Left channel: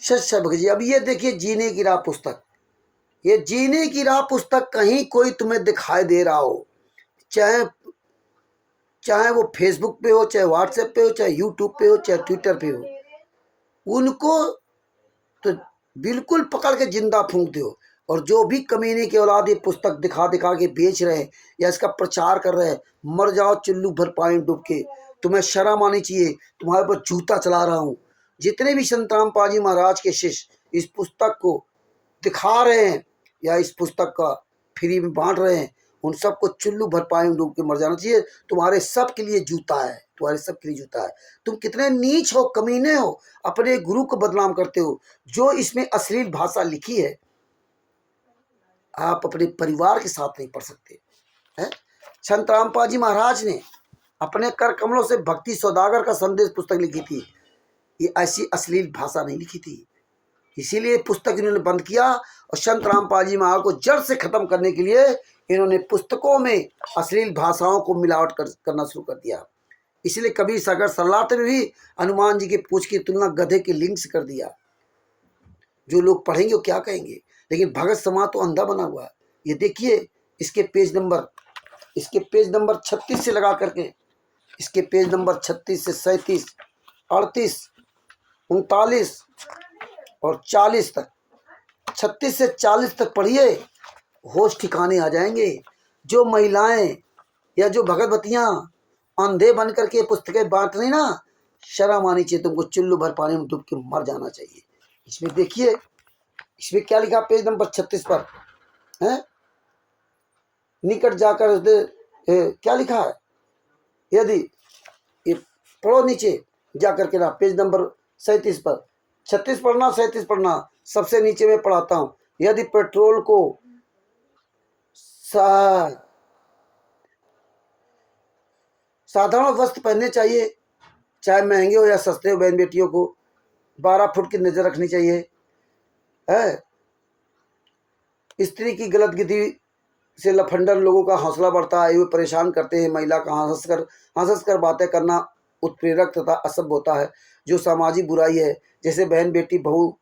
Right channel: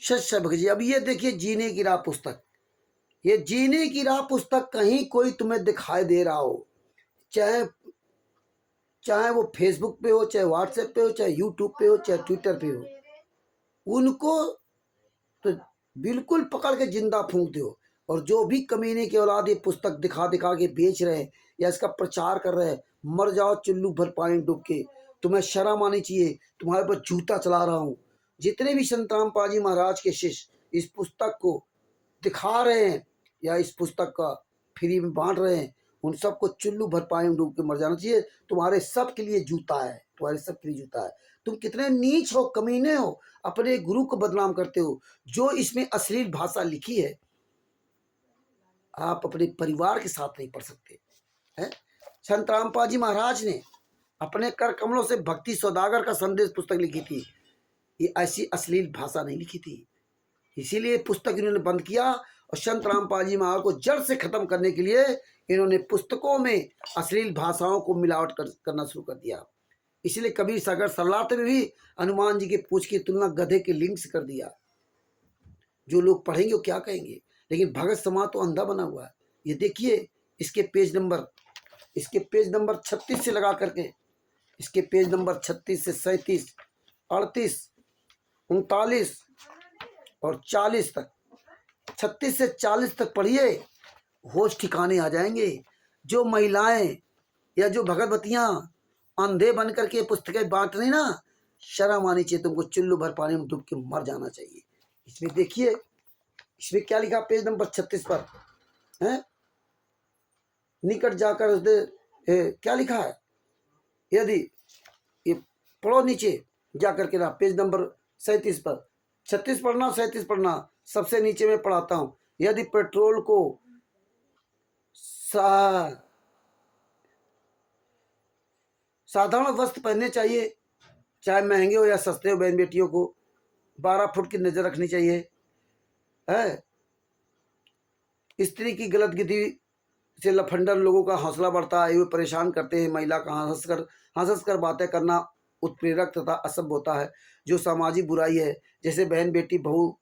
सच्चा भगत जी। अब ये देखिए जीने की राह पुस्तक, ये जीने की राह पुस्तक कहीं कोई तुम्हें दिखाई दे रहा हो, चाहे चाहे वो फेसबुक पे हो, चाहे व्हाट्सएप पे हो, चाहे यूट्यूब पे हो, चाहे ट्विटर पे हो, उनको तो बिल्कुल पकड़ के जिंदा फूंक दो। और जो भी कमीने के औलाद ये पुस्तक दिखा दिखा के बेच रहे हैं या इसका प्रचार कर रहे हैं, मर जाओ चुल्लू भर पानी डूब के। तुम्हें शर्म आनी चाहिए, तुम्हारे पर जूता चला रहा हूँ। जितने भी संतराम पाजी महाराज के शिष्य इस पुस्तक को दिखा रहे हैं या इस पुस्तक का फ्री में बांट रहे हैं, उन सबको चुल्लू भर पानी में डूब के मर जाना चाहिए। तुम्हारे सब के लिए जूता है, तुम्हारे सब के लिए जूता है। तुम कितने नीच हो, कमीने हो, अपने गुरु को बदनाम करते हो। जो इसमें अश्लील भाषा लिखी है, आप अपने परिवार के साथ नहीं पढ़ सकते हैं। संत रामपाल जी महाराज ने अपने कर कमलों से भक्ति सौदागर का संदेश पुस्तक लिखी थी। ये ऐसी अश्लील भाषा नहीं लिखी थी, इसीलिए पुस्तक इन्होंने बंद किया। और संत रामपाल जी महाराज को जड़ से खत्म करने के लिए इन्होंने पुस्तकों में अश्लील भाषाओं को मिलावट करना शुरू कर दिया। इसलिए कबीर सागर सलाते में भी हनुमान जी के पूछ की तुलना गधे के लिंग से कर दिया। जो लोग पढ़ेंगे वो क्या कहेंगे, लेकिन भगत समाज तो अंधा बना हुआ है। ये देखिए इसके पेज नंबर 36 से लगा करके, इसके पेज नंबर 36 से 37, 38, 39 और 40 तक, 36 से 40 तक पढ़िए, होश ठिकाने आ जाएंगे। जो महिलाएं या जो भगवतियां अंधे बन करके पुस्तकें बांट रही ना, शर्म आनी चाहिए तुमको, चुल्लू भर पानी में डूब के मर जाना चाहिए। इसमें देखिए, इसमें क्या लिखा पेज नंबर 36 पर है, निकट जाकर क्या लिखा है, यदि ये पढ़ो नीचे जाकर के ना, पेज नंबर 37 पर। 36 पढ़ना, 37 पढ़ना, सबसे नीचे में पढ़ाता हूँ। यदि पेट्रोल को साधारण वस्त्र पहनने चाहिए, चाहे महंगे हो या सस्ते हो, बहन बेटियों को 12 फुट की नजर रखनी चाहिए है। स्त्री की गलत गिद्धि से लफंडर लोगों का हौसला बढ़ता है, वे परेशान करते हैं। महिला का हंस कर बातें करना उत्प्रेरक तथा असभ्य होता है, जो सामाजिक बुराई है। जैसे बहन बेटी बहू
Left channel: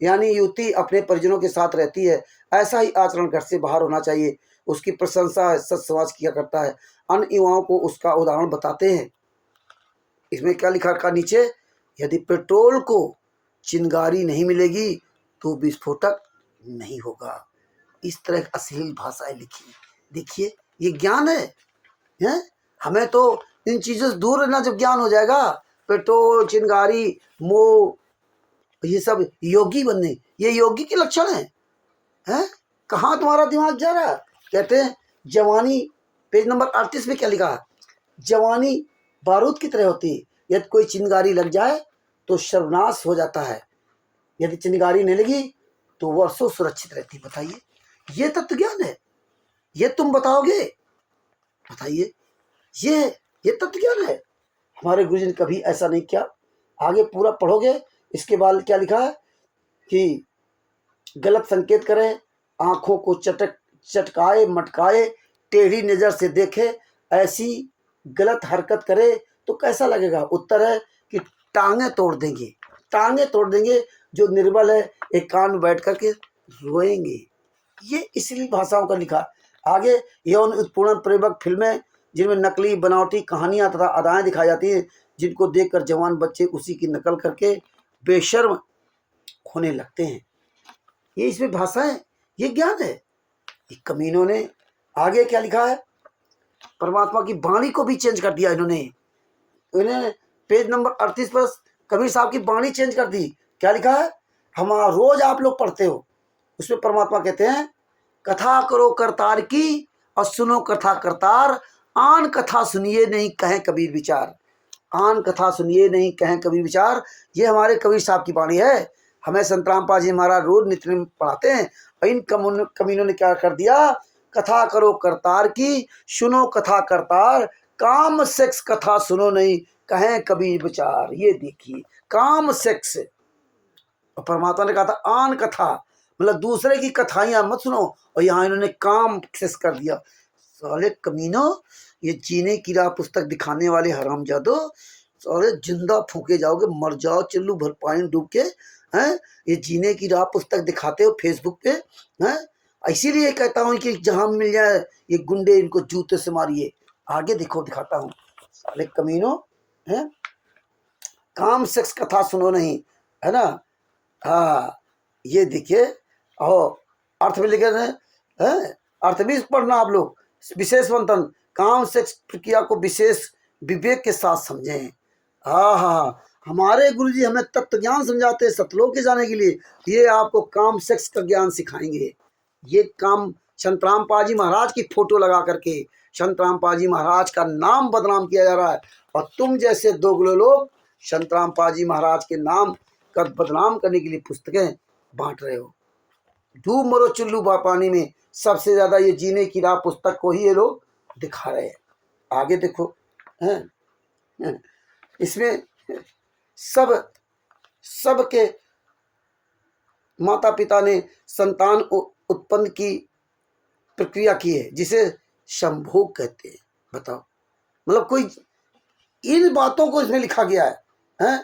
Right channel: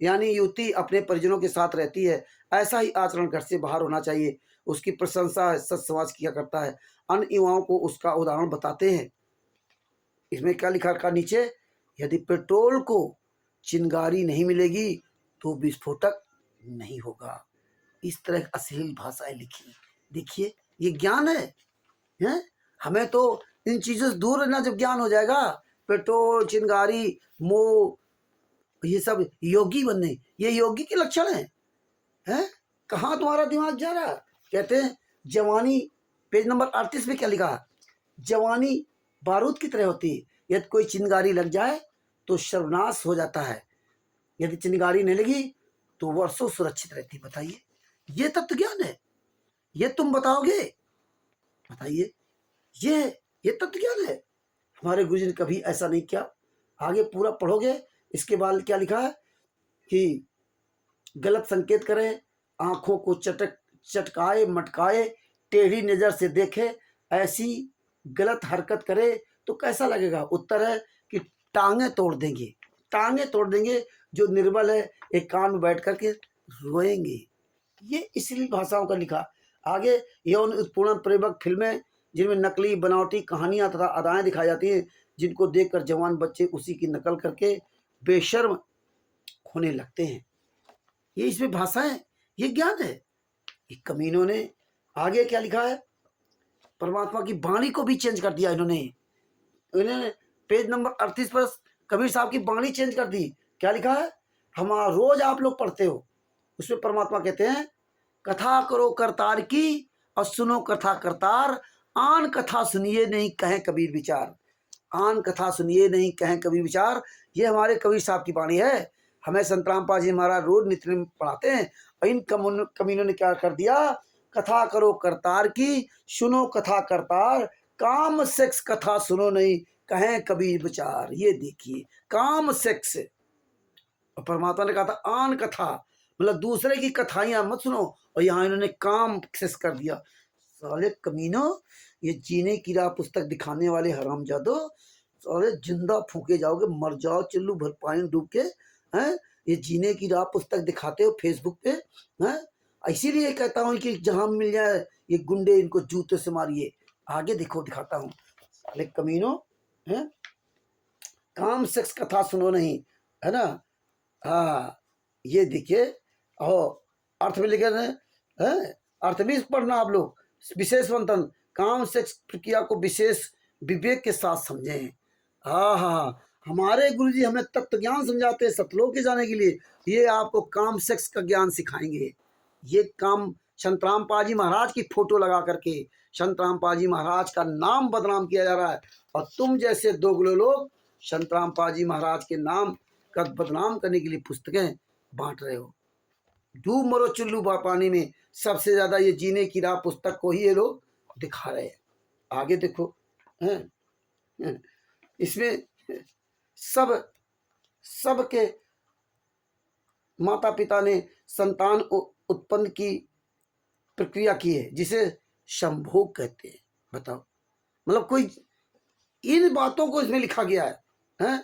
यानी युवती अपने परिजनों के साथ रहती है, ऐसा ही आचरण घर से बाहर होना चाहिए। उसकी प्रशंसा सच समाज किया करता है, अन्य युवाओं को उसका उदाहरण बताते हैं। इसमें क्या लिखा रखा नीचे, यदि पेट्रोल को चिंगारी नहीं मिलेगी तो विस्फोटक नहीं होगा। इस तरह अश्लील भाषाएं लिखी। देखिए ये ज्ञान है? हमें तो इन चीजों से दूर रहना जब ज्ञान हो जाएगा। पेट्रोल, चिंगारी, मोह, ये सब योगी बनने, ये योगी के लक्षण हैं? कहाँ तुम्हारा दिमाग जा रहा है? कहते हैं जवानी, पेज नंबर 38 में क्या लिखा है, जवानी बारूद की तरह होती है, यदि कोई चिंगारी लग जाए तो सर्वनाश हो जाता है, यदि चिंगारी नहीं लगी तो वर्षों सुरक्षित रहती। बताइए, ये तत्व ज्ञान है? ये तुम बताओगे? बताइए, ये तत्व ज्ञान है? हमारे गुरुजी ने कभी ऐसा नहीं किया। आगे पूरा पढ़ोगे, इसके बाद क्या लिखा है कि गलत संकेत करे, आंखों को चटकाए मटकाए, टेढ़ी नजर से देखे, ऐसी गलत हरकत करे तो कैसा लगेगा? उत्तर है कि टांगे तोड़ देंगे, टांगे तोड़ देंगे। जो निर्बल है एक कान में बैठ करके रोएंगे। ये इसलिए भाषाओं का लिखा। आगे यौन उत्पीड़न प्रेरक फिल्में, जिनमें नकली बनावटी कहानियां तथा अदाएं दिखाई जाती हैं, जिनको देखकर जवान बच्चे उसी की नकल करके बेशर्म होने लगते हैं। ये इसमें भाषा है, ये ज्ञान है। कमीनों ने आगे क्या लिखा है, परमात्मा की वाणी को भी चेंज कर दिया इन्हें पेज नंबर 38 पर कबीर साहब की वाणी चेंज कर दी। क्या लिखा है, हमारा रोज आप लोग पढ़ते हो, उसमें परमात्मा कहते हैं, कथा करो करतार की और सुनो कथा करतार, आन कथा सुनिए नहीं कहें कबीर विचार। आन कथा सुनिए नहीं कहें कबीर विचार, ये हमारे कबीर साहब की वाणी है। हमें संत रामपाल जी महाराज रोज नित्य में पढ़ाते हैं। और इन कमीनों ने क्या कर दिया, कथा करो करतार की, सुनो कथा करतार, काम सेक्स कथा सुनो नहीं कहें कबीर विचार। ये देखिए, काम सेक्स, और परमात्मा ने कहा था आन कथा, मतलब दूसरे की कथाइयां मत सुनो, और यहाँ इन्होंने काम सेक्स कर दिया। साले कमीनों, ये जीने की राह पुस्तक दिखाने वाले हरामजादो, साले जिंदा फूके जाओगे, मर जाओ चुल्लू भर पानी डूब के। हैं? ये जीने की राह पुस्तक दिखाते हो फेसबुक पे, हैं? इसीलिए कहता हूँ कि जहाँ मिल जाए ये गुंडे, इनको जूते से मारिए। आगे देखो, दिखाता हूँ। अरे कमीनों, हैं? काम सेक्स कथा सुनो नहीं, है ना? हाँ, ये देखिए, और अर्थ में लिखे हैं, हैं? अर्थ भी पढ़ना आप लोग। विशेष मंथन, काम सेक्स प्रक्रिया को विशेष विवेक के साथ समझें। हाँ हाँ, हमारे गुरुजी हमें तत्व ज्ञान समझाते हैं सतलोक के जाने के लिए। ये आपको काम सेक्स का ज्ञान सिखाएंगे। ये काम संतराम पाजी महाराज की फोटो लगा करके संतराम पाजी महाराज का नाम बदनाम किया जा रहा है, और तुम जैसे दोगले लोग संतराम पाजी महाराज के नाम का बदनाम करने के लिए पुस्तकें बांट रहे हो। डूब मरो चुल्लू पानी में, सबसे ज्यादा ये जीने की राह पुस्तक को ही ये लोग दिखा रहे हैं। आगे देखो, हैं? इसमें सब सबके माता पिता ने संतान उत्पन्न की प्रक्रिया की है, जिसे संभोग कहते हैं। बताओ, मतलब कोई इन बातों को इसमें लिखा गया है, हैं?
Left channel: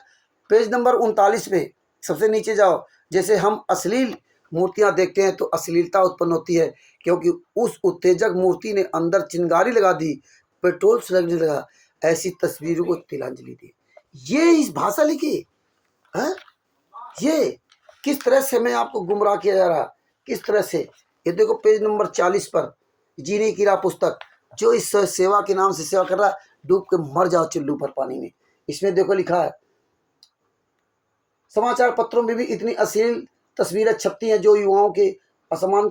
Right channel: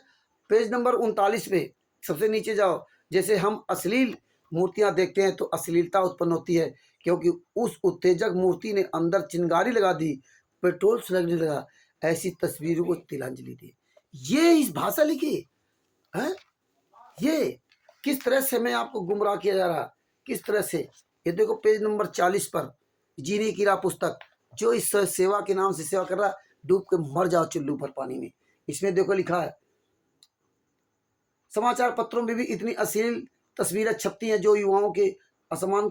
पेज नंबर 39 पे सबसे नीचे जाओ। जैसे हम अश्लील मूर्तियां देखते हैं तो अश्लीलता उत्पन्न होती है, क्योंकि उस उत्तेजक मूर्ति ने अंदर चिंगारी लगा दी, पेट्रोल लगने लगा, ऐसी तस्वीरों को तिलांजलि दी। ये इस भाषा लिखी है। ये किस तरह से हमें आपको गुमराह किया जा रहा, किस तरह से। ये देखो पेज नंबर 40 पर, जीने की राह पुस्तक। जो इस सेवा के नाम से सेवा कर रहा है, डूब के मर जाओ चुल्लू पर पानी में। इसमें देखो लिखा है, समाचार पत्रों में भी इतनी अश्लील तस्वीरें छपती हैं जो युवाओं के असमान